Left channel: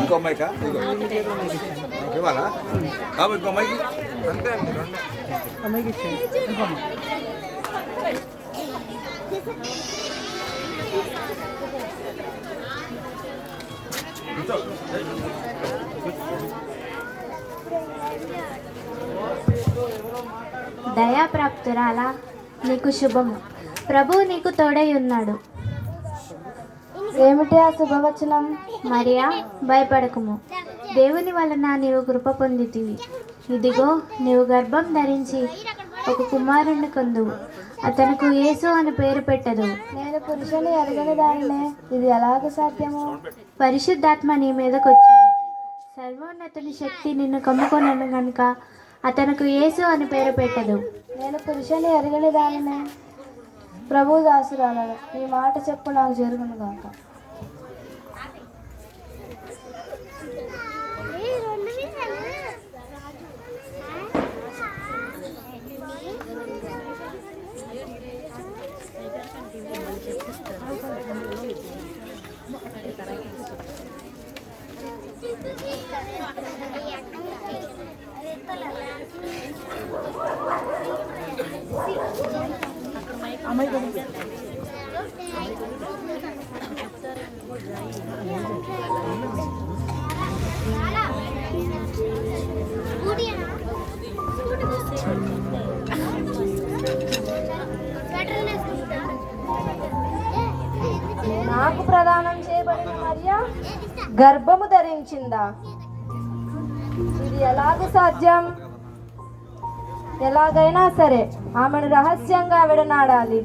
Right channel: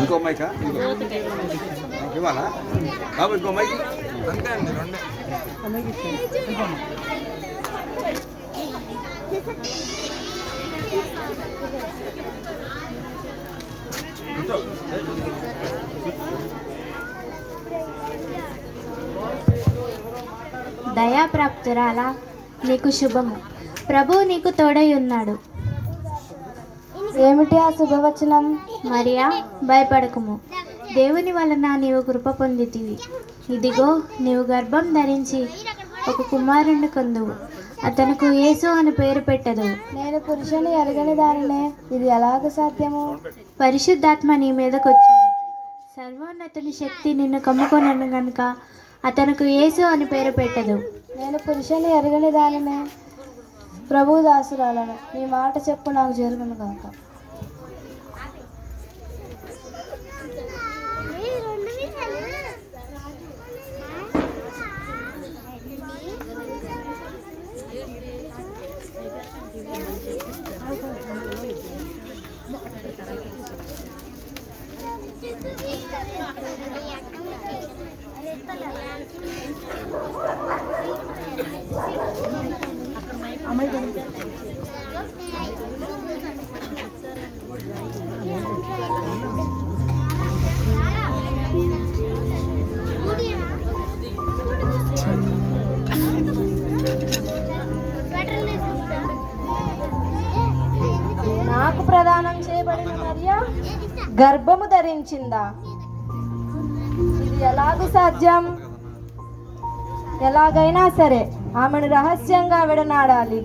ఇంకో మైకా ఇవ్వాలా ఇంకో మైక్ దయాప్రాప్తురాలా, నీకు శుభము. ప్రభు నీకు తోడై ఉన్నాడు. ఏమిటి ఆ శుభవచనం? మరియా, భయపడకుము, దేవుని వలన నీవు కృప పొందితివి. ఇదిగో, నీవు గర్భం ధరించి ఒక కుమారుణ్ణి కందువు, అతనికి యేసు అని పేరు పెట్టదు. నేను పురుషుని ఎరగని దానినే, ఇది ఎలాగ సాధ్యము? పరిశుద్ధాత్మ నీ మీదకి వచ్చింది, సర్వోన్నతుని శక్తి నిన్ను కమ్ముకొనను గనుక అతనికి యేసు అని పేరు పెట్టదు. నేను పురుషుని ఎరగని దానినే, ప్రభు దాసురాలను, నీ మాట చెప్పు నాకు జరుగును గాక. నాకు ప్రదానం చేయబడిన మరియా గర్భము ధరించిందా? ఇది ఎలాగూ సాధ్యం? ఎలాగైనా సరే ఆమెను రహస్యంగా విడనాడాలి.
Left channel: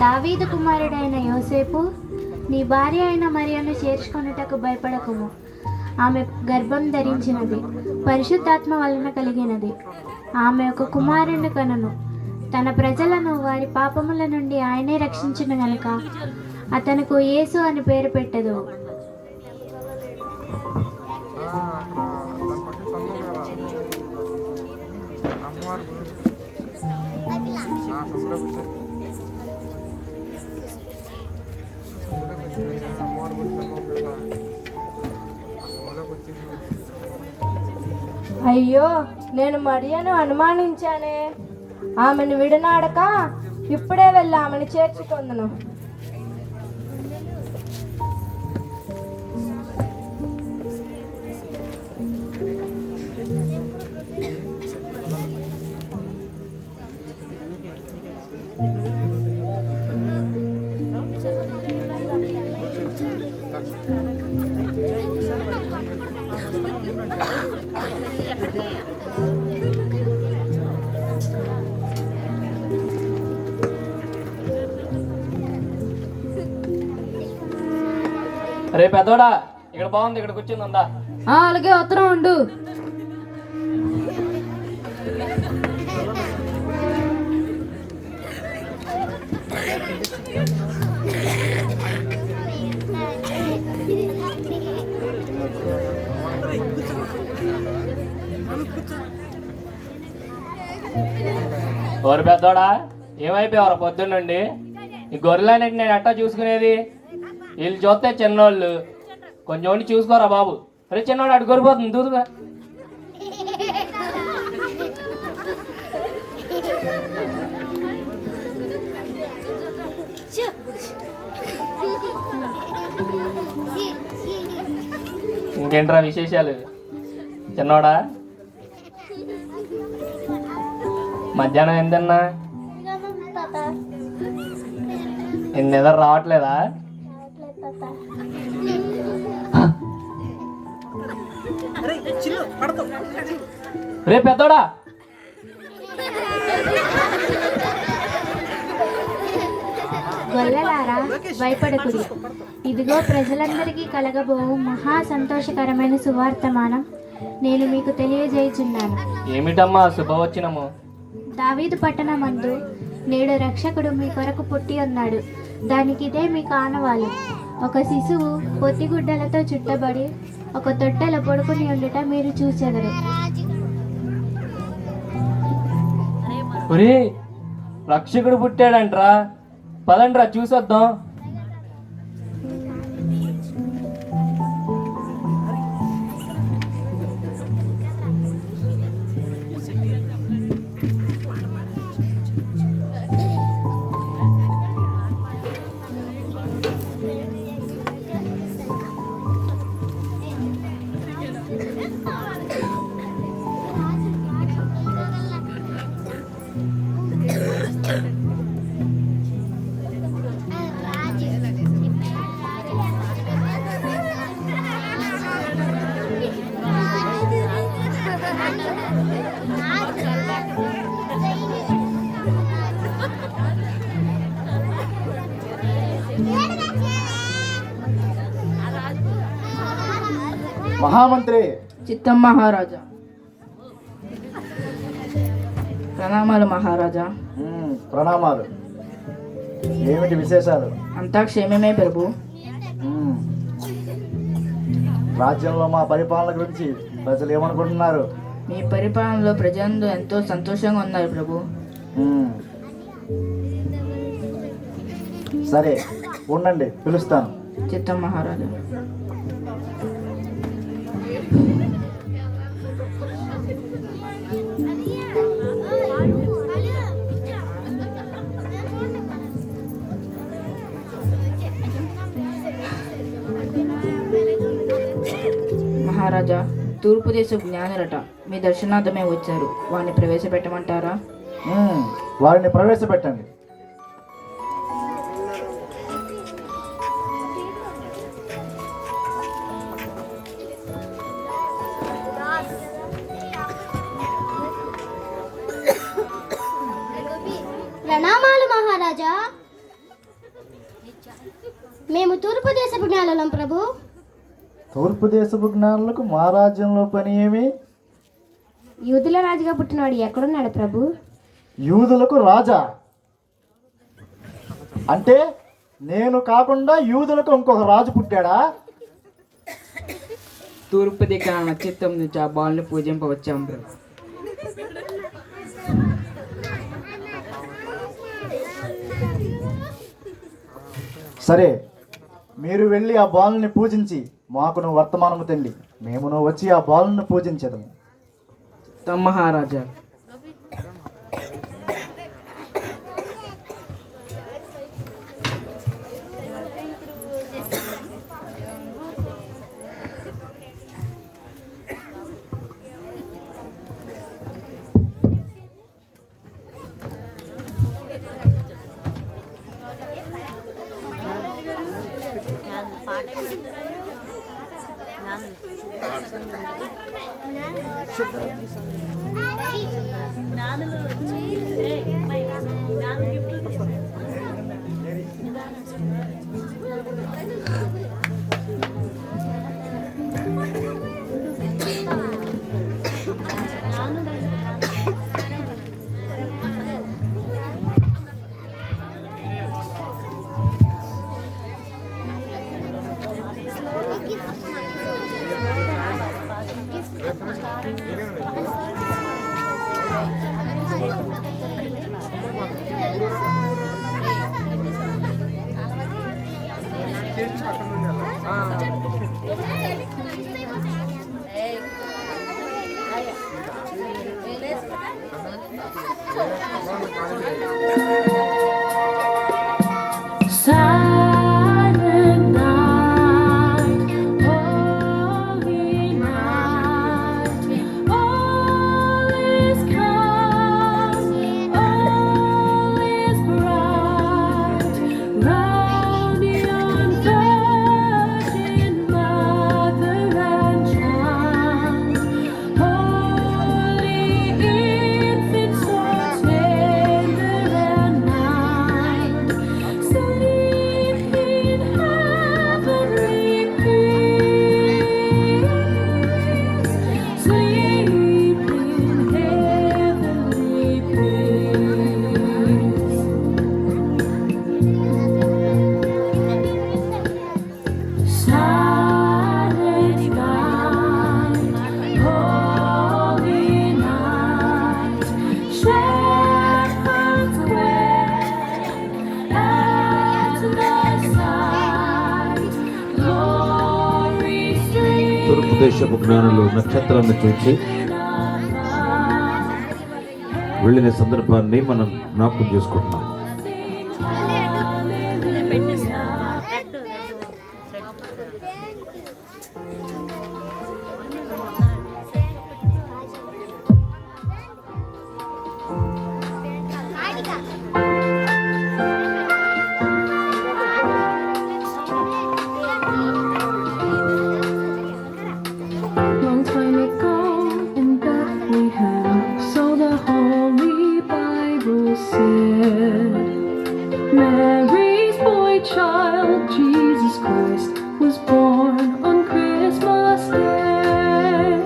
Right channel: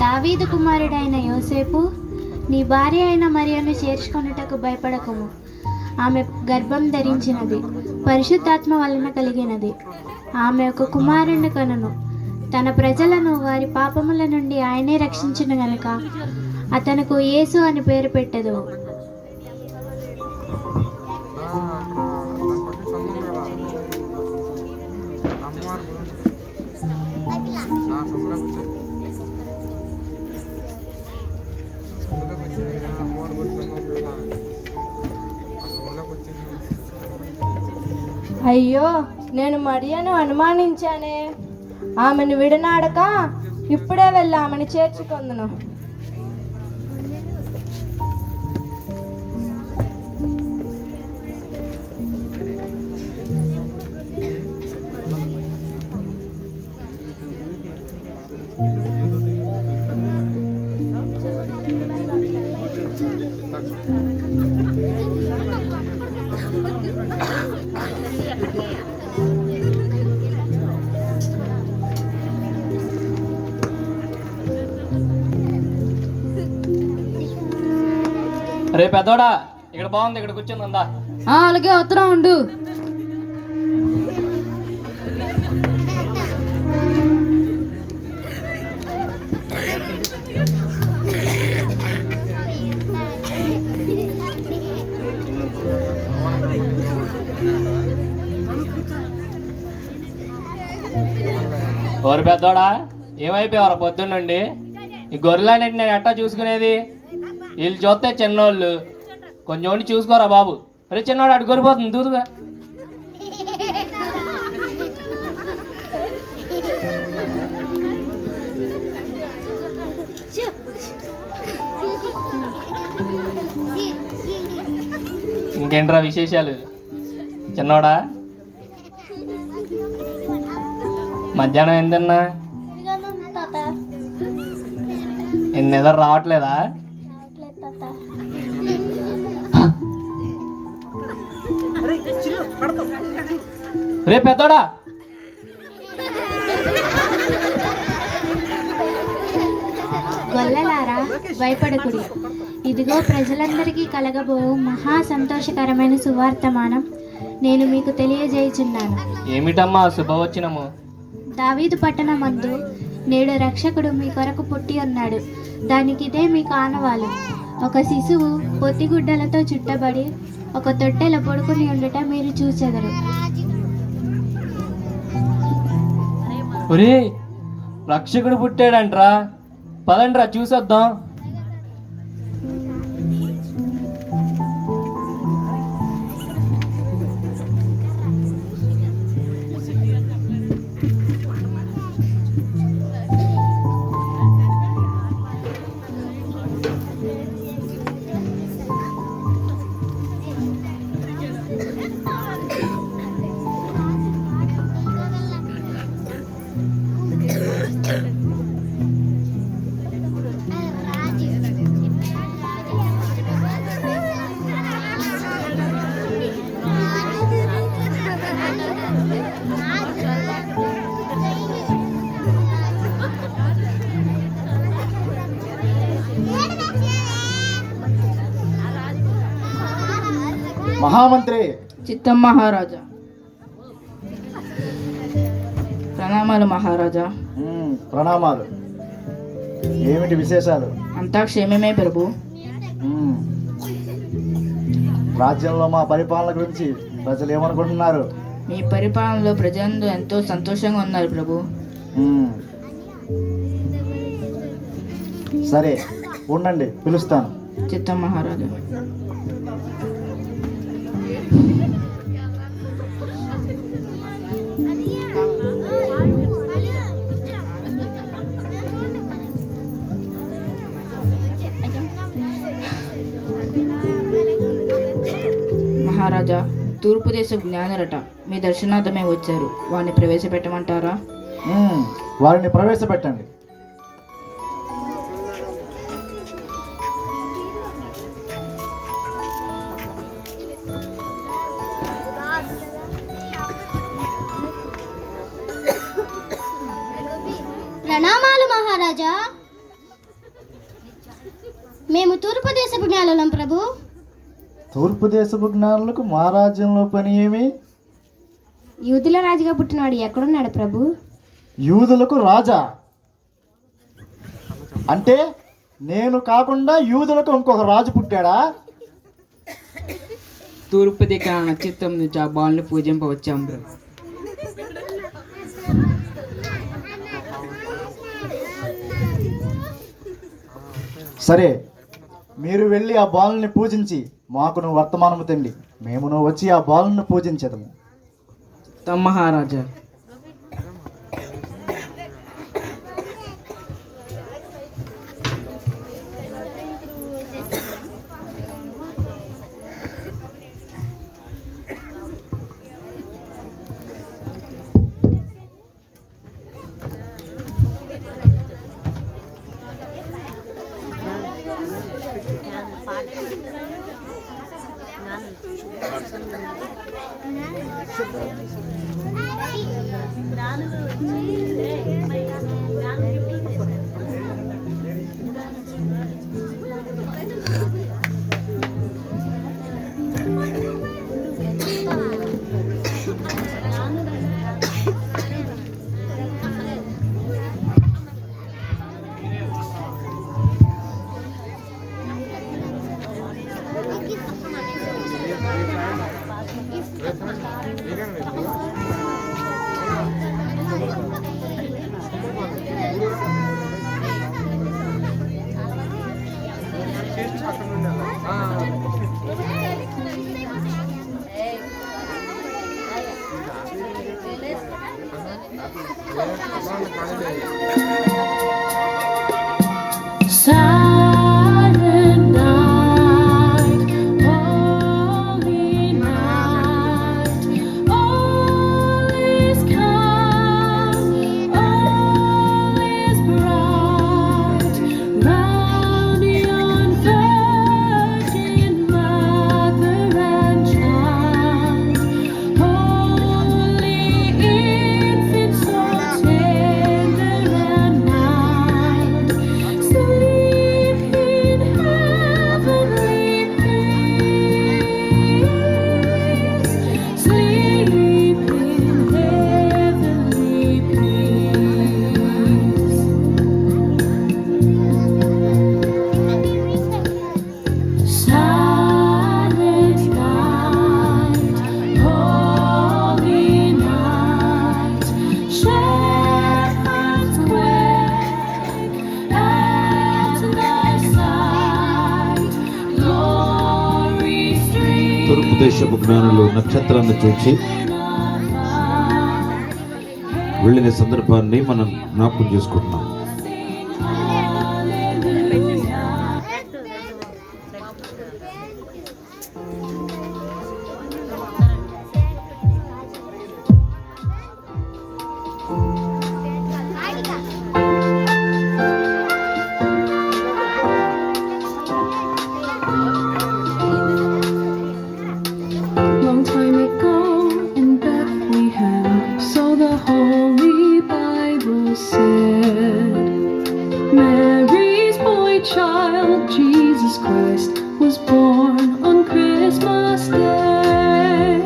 దావీదు కుమారుడైన యోసేపు, నీ భార్య అయిన మరియను చేర్చుకొనుటకు భయపడకుము. ఆమె గర్భం ధరించినది పరిశుద్ధాత్మ వలన కలిగినది. ఆమె ఒక కుమారుని కనును. తన ప్రజలను వారి పాపముల నుండి ఆయనే రక్షించును గనుక అతనికి యేసు అని పేరు పెట్టదు. అయ్యో, నేను మరియను అనుమానించానే. ఆమెను విడనాడక ఇప్పుడే వెళ్ళి ఆమెను చేర్చుకొందును. రే పెద్దోడా, ఇక్కడ బాగుంది, ఇక్కడ కూర్చొని ఉందా? అలాగే ఉత్తరం ఉండు. ఓరి పెద్దోడా, ఏమైపోయావరా పొద్దున్నండి? ఈ గొర్రెలన్నింటి నేను ఎట్టా చూసుకునేది? వీళ్ళు చూస్తే చిన్నోళ్ళు, కొంచెం చూసుకోరా బాబు. అరే చిన్నవాడు అటు గొరిపోతుంది దూదుగా. ఇంకేంట్రా విశేషాలు? చిన్నోడా, మధ్యాహ్నం ఏందన్నా? నిద్ర రావట్లేదా? రే పెద్దోడా, గొల్లలారా, భయపడకుడి. ఇదిగో, ప్రజలందరికీ కలగబోవు మహా సంతోషకరమైన సువార్తమానం నేను మీకు తెలియజేయుచున్నాను. ఏమిటమ్మా శుభవచనము? దావీదు పట్టణమందు నేడు రక్షకుడు మీ కొరకు పుట్టి ఉన్నాడు. దానికిదే మీకు ఆనవాలు. ఒక శిశువు పొత్తిగుడ్డలతో చుట్టబడి ఒక తొట్టెలో పడుకుని ఉండుట మీరు చూచెదరు. ఒరే, రక్షకుడు పుట్టాడంట్రా, పదండ్రా చూసొద్దాం. మహామంత్రి చిత్తం మహారాజా. ప్రణామాలు మహారాజా. ప్రణామాలు. ఏమిటి విశేషాలు? అంతా క్షేమమే ప్రభు. రాజ్యంలో మా పరిపాలన గురించి ప్రజలు ఏమనుకుంటున్నారు? మీ పరిపాలనలో ప్రజలందరూ ఎంతో సంతోషంగా ఉన్నారు ప్రభు. సరే ఉండండి, పిలుస్తాను. చిత్తం మహారాజా. మహారాజా, తూర్పు దేశ జ్ఞానులట మీ దర్శనార్థమే వచ్చారు. వారిని ప్రవేశపెట్టమంటారా? వారిని ప్రవేశపెట్టండి. ప్రణామాలు మహారాజా. మేము తూర్పు దేశపు జ్ఞానులం ప్రభు. తూర్పు దేశపు జ్ఞానులకు మా రాజ్యంలో పని ఏమి? యూదుల రాజుగా పుట్టినవాడు ఎక్కడున్నాడు ప్రభు? యూదులకు రాజా అంటే నేను కాకుండా యూదులకు ఇంకొక రాజు పుట్టాడా? తూర్పు దిక్కున నక్షత్రం నుంచి ఆ బాలుని పూజింపవచ్చాం ప్రభు. సరే, మీరు వెళ్ళి ఆ బాలుని పూజించి మాకును వర్తమానము తండి. మేమును వచ్చి ఆ బాలును పూజించదము. చిత్తం మహారాజా. తూర్పు దేశపు జ్ఞానులు నక్షత్రాన్ని చూచి వెళ్ళిన సందర్భాన్ని మనం జ్ఞాపకం చేసుకుంటున్నాం. Long time ago in Bethlehem, so the Holy Bible said, Mary's boy child, Jesus Christ, was born on Christmas Day.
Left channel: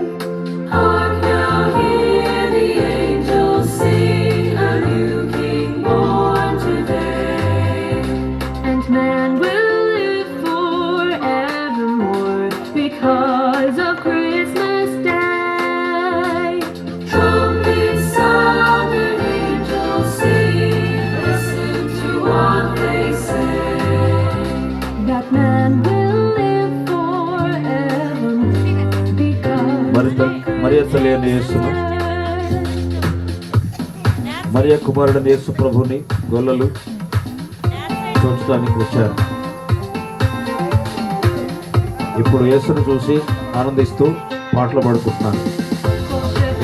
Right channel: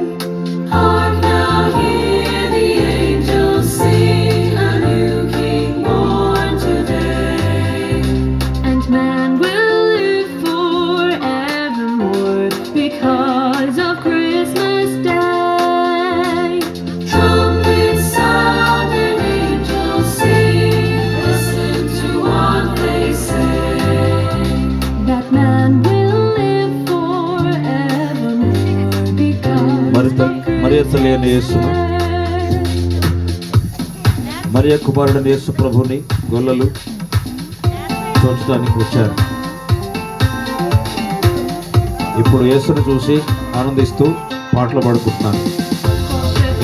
Hark now, hear the angels sing, a new King born today, and man will live forevermore because of Christmas Day. Trumpets sound and angels sing, listen to what they say, that man will live forevermore because of మరియ తల్లి అయిన యేసును, మరియ కుమారుడైన యేసు ప్రభుని గొల్లలు చూడటానికి వచ్చారు. ఇప్పుడు యేసును చూసి ఆనందిస్తూ పాటలు పాడుకుంటున్నాను.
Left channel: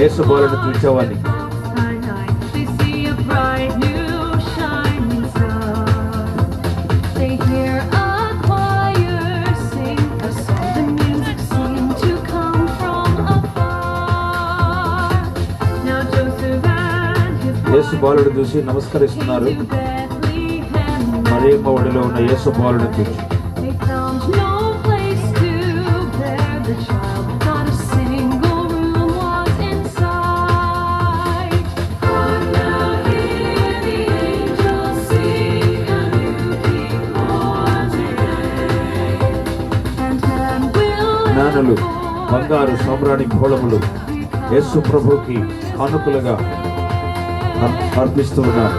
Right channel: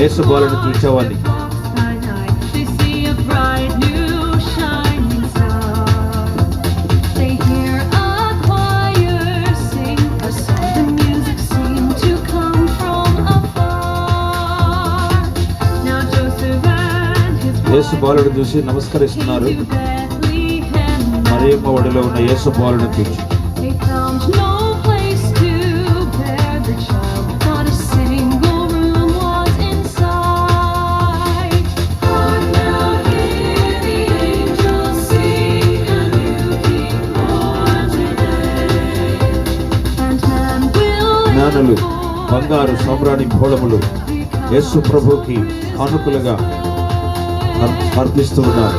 యేసు బాలుని చూసేవాడిని. They see a bright new shining star. They hear a choir sing a song. The music seemed to come from afar. Now Joseph and his యేసు బాలుడు చూసి నమస్కరిస్తున్నారు. to Bethlehem. మరియమ్మ ఒడిలో ఉన్న యేసు బాలుని చూసి They found no place to bear the child. Not a single room was inside. Hark now, hear the angels sing, a new King born today, and man will జ్ఞానులు బంగారు సామ్రాణి ఘోళములు యేసు ప్రభుకి కానుకలుగా అర్పిస్తూ ఉన్నారు.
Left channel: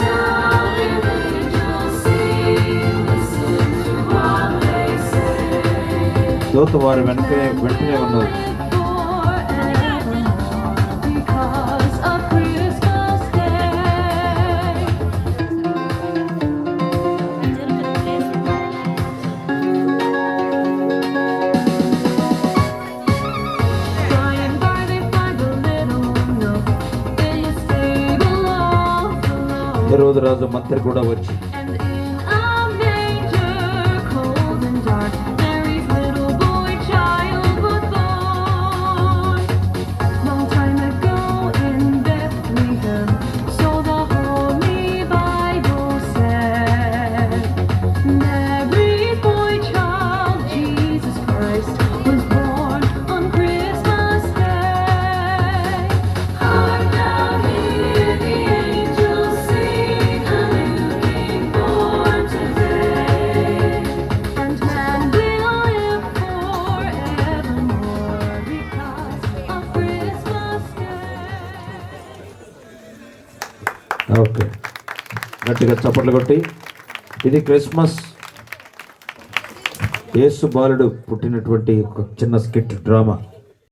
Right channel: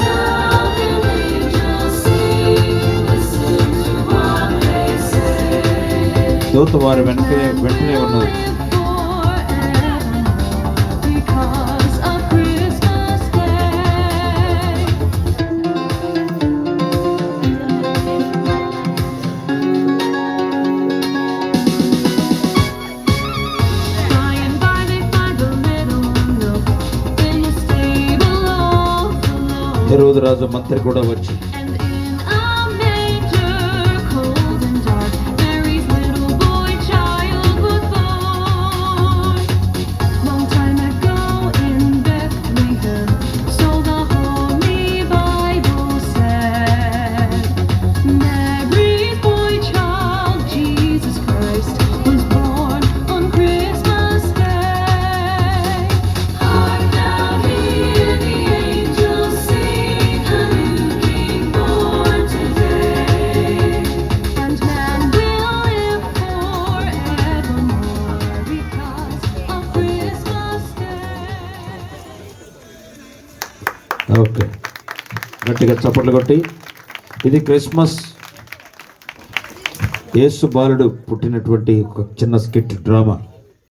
sound and angels sing, listen to what they say. దూత వారి వెంటనే ఉన్నది. Because of Christmas Day. By and by they find a little nook in the stable of the Lord. హెరోదు రాజు మంత్రి కూడా వచ్చి And in a manger cold and dark, Mary's little boy child was born. Long time ago in Bethlehem, so the Holy Bible said, Mary's boy child, Jesus Christ, was born on Christmas Day. Hark now, hear the angels sing, a new King born today, and man will live forevermore because of Christmas Day. Okay, గట్టిగా చప్పట్లు కొట్టి ఇది Christmas యేసు బాలుడు పుట్టినటువంటి ఒక చిన్న skit drama